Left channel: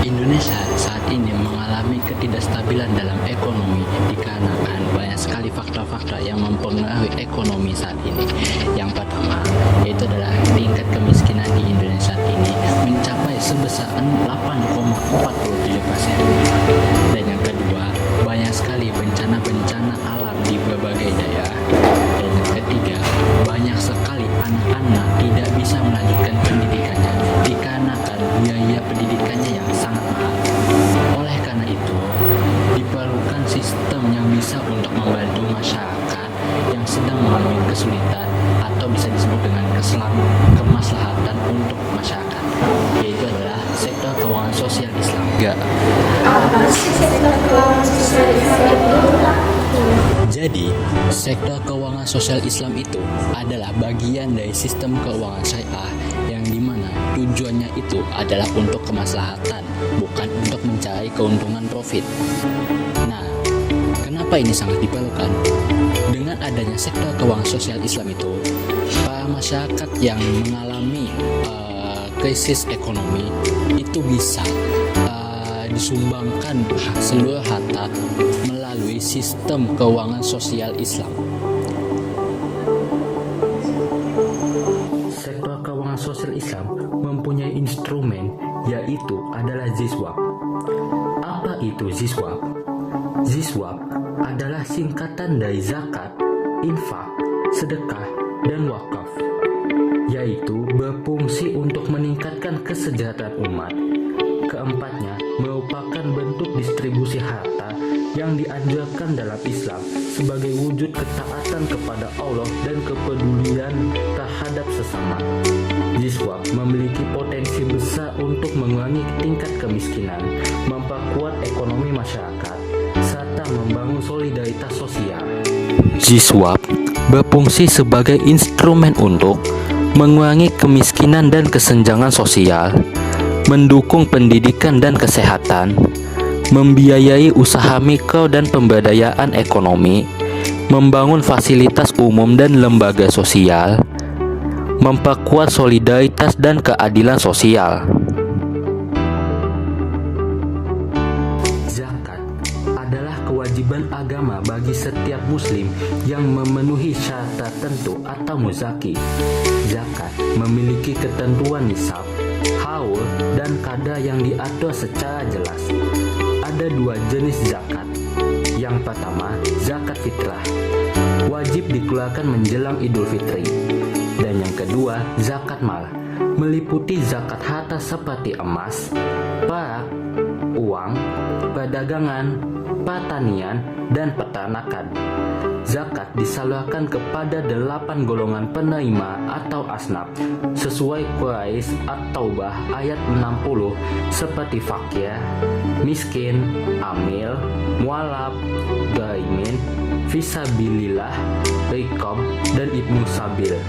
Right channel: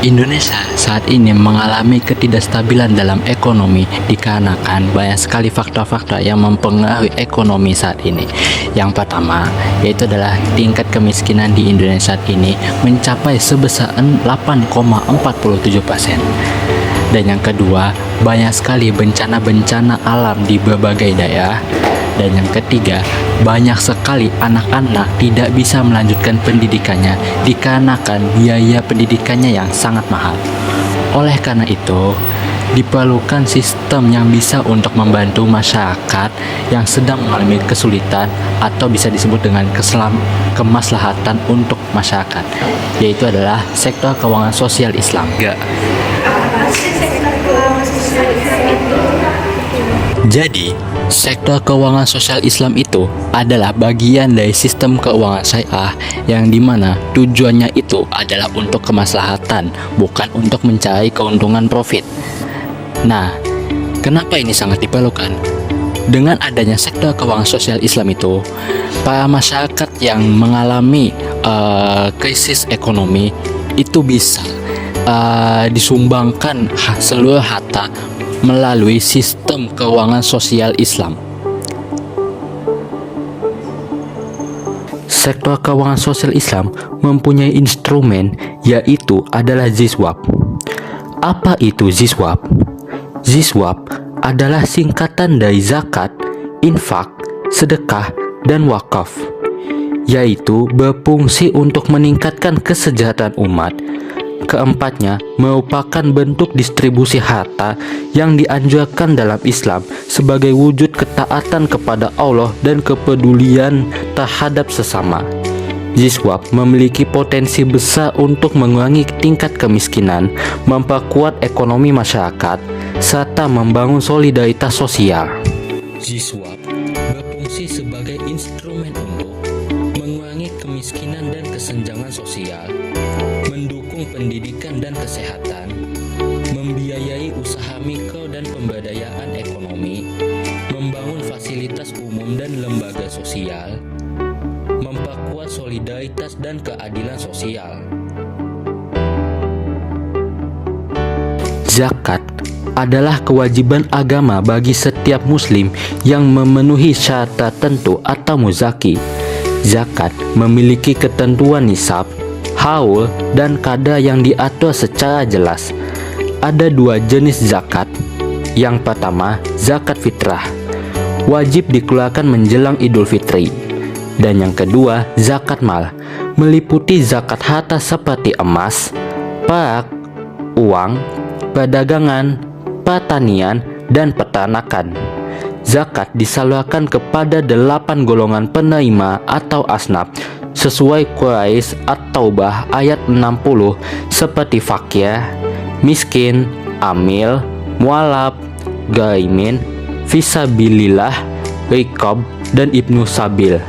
Indonesia saat ini mengalami ketidakstabilan dalam ekonomi dikarenakan banyak sekali faktor-faktor yang mempengaruhi ekonomi saat ini. Yang pertama, yaitu adalah tingkat kemiskinan di Indonesia saat ini mencapai sebesar 8,47%. Dan yang kedua, banyak sekali bencana-bencana alam di berbagai daerah. Dan yang ketiga, banyak sekali anak-anak tidak bisa melanjutkan pendidikannya dikarenakan biaya pendidikannya yang sangat mahal. Oleh karena itu, diperlukan sistem yang bisa untuk membantu masyarakat yang sedang mengalami kesulitan atau bisa disebut dengan kemaslahatan untuk masyarakat, yaitu adalah sektor keuangan sosial Islam. Jadi, sektor keuangan sosial Islam itu adalah bagian dari sistem keuangan syariah yang dimana tujuannya itu adalah untuk kemaslahatan, bukan untuk mencari keuntungan profit. Nah, kenapa ini sangat diperlukan? Dengan adanya sektor keuangan sosial Islam itu, para masyarakat yang mengalami krisis ekonomi itu bisa disumbangkan seluruh harta melalui sistem keuangan sosial Islam. Sektor keuangan sosial Islam mempunyai instrumen yaitu adalah Ziswab. Apa itu Ziswab? Ziswab adalah singkatan dari zakat, infak, sedekah, dan wakaf, yaitu berfungsi untuk meningkatkan kesejahteraan umat. Keempatnya merupakan bentuk distribusi harta yang dianjurkan dalam Islam sebagai wujud ketaatan kepada Allah dan kepedulian terhadap sesama. Ziswab memiliki potensi besar untuk mengurangi tingkat kemiskinan, memperkuat ekonomi masyarakat, serta membangun solidaritas sosial. Ziswab berfungsi sebagai instrumen untuk mengurangi kemiskinan dan kesenjangan sosial, mendukung pendidikan dan kesehatan, membiayai usaha mikro dan pemberdayaan ekonomi, membangun fasilitas umum dan lembaga sosial, memperkuat solidaritas dan keadilan sosial. Zakat adalah kewajiban agama bagi setiap muslim yang memenuhi syarat tertentu atau muzaki. Zakat memiliki ketentuan nisab, haul, dan kadar yang diatur secara jelas. Ada dua jenis zakat. Yang pertama, zakat fitrah, wajib dikeluarkan menjelang Idul Fitri. Dan yang kedua, zakat mal, meliputi zakat harta seperti emas, perak, uang, perdagangan, pertanian, dan peternakan. Zakat disalurkan kepada 8 golongan penerima atau asnaf sesuai Quraisy At-Taubah ayat 60 seperti fakir, miskin, amil, mualaf, garimin, fisabilillah, riqab, dan ibnu sabil.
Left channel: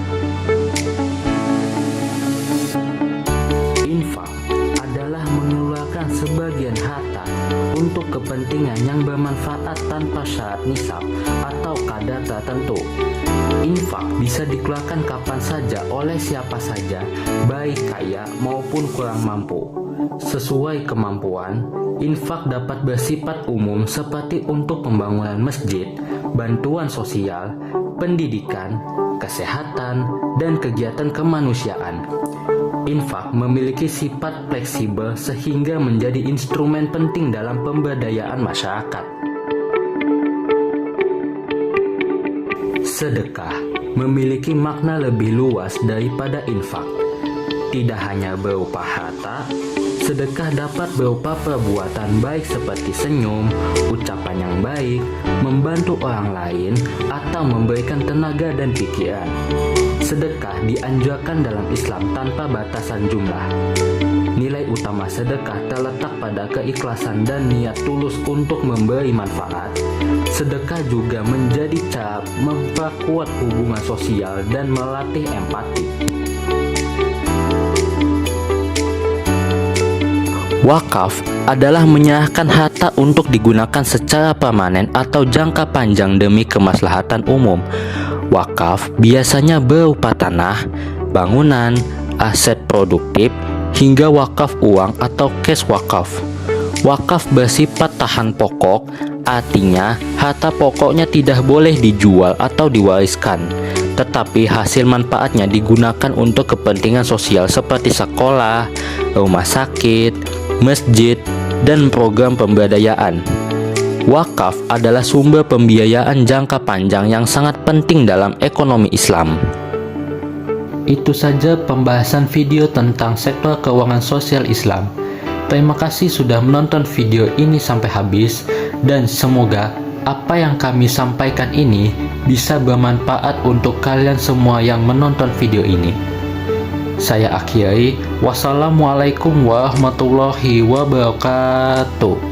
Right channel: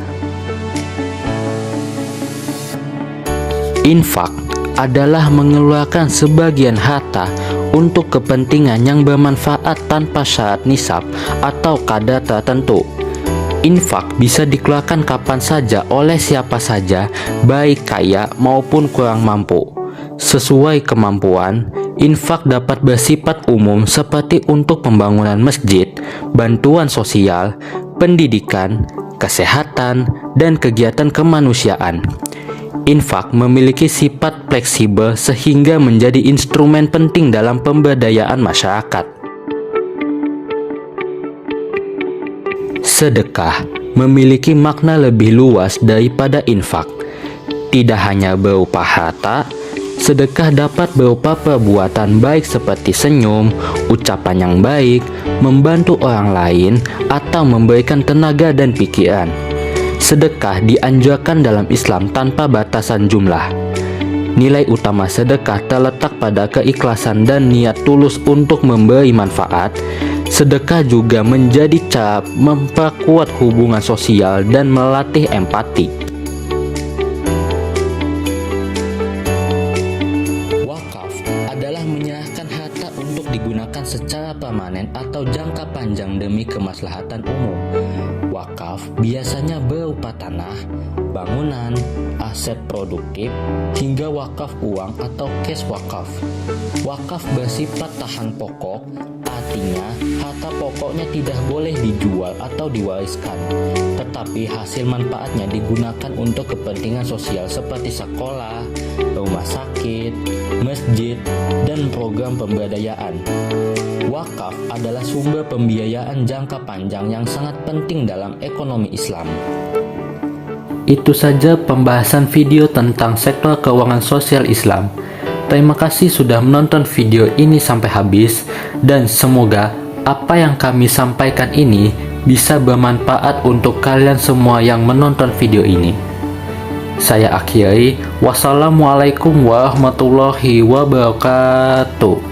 Infak adalah mengeluarkan sebagian harta untuk kepentingan yang bermanfaat tanpa syarat nisab atau kadar tertentu. Infak bisa dikeluarkan kapan saja oleh siapa saja, baik kaya maupun kurang mampu. Sesuai kemampuan, infak dapat bersifat umum seperti untuk pembangunan masjid, bantuan sosial, pendidikan, kesehatan, dan kegiatan kemanusiaan. Infak memiliki sifat fleksibel sehingga menjadi instrumen penting dalam pemberdayaan masyarakat. Sedekah memiliki makna lebih luas daripada infak. Tidak hanya berupa harta, sedekah dapat berupa perbuatan baik seperti senyum, ucapan yang baik, membantu orang lain, atau memberikan tenaga dan pikiran. Sedekah dianjurkan dalam Islam tanpa batasan jumlah. Nilai utama sedekah terletak pada keikhlasan dan niat tulus untuk memberi manfaat. Sedekah juga menjadi cara memperkuat hubungan sosial dan melatih empati. Wakaf adalah menyerahkan harta untuk digunakan secara permanen atau jangka panjang demi kemaslahatan umum. Wakaf biasanya berupa tanah, bangunan, aset produktif, hingga wakaf uang atau cash wakaf. Wakaf bersifat tahan pokok, artinya harta pokoknya tidak boleh dijual atau diwariskan, tetapi hasil manfaatnya digunakan untuk kepentingan sosial seperti sekolah, rumah sakit, masjid, dan program pemberdayaan. Wakaf adalah sumber pembiayaan jangka panjang yang sangat penting dalam ekonomi Islam. Itu saja pembahasan video tentang sektor keuangan sosial Islam. Terima kasih sudah menonton video ini sampai habis, dan semoga apa yang kami sampaikan ini bisa bermanfaat untuk kalian semua yang menonton video ini. Saya akhiri, wassalamualaikum warahmatullahi wabarakatuh.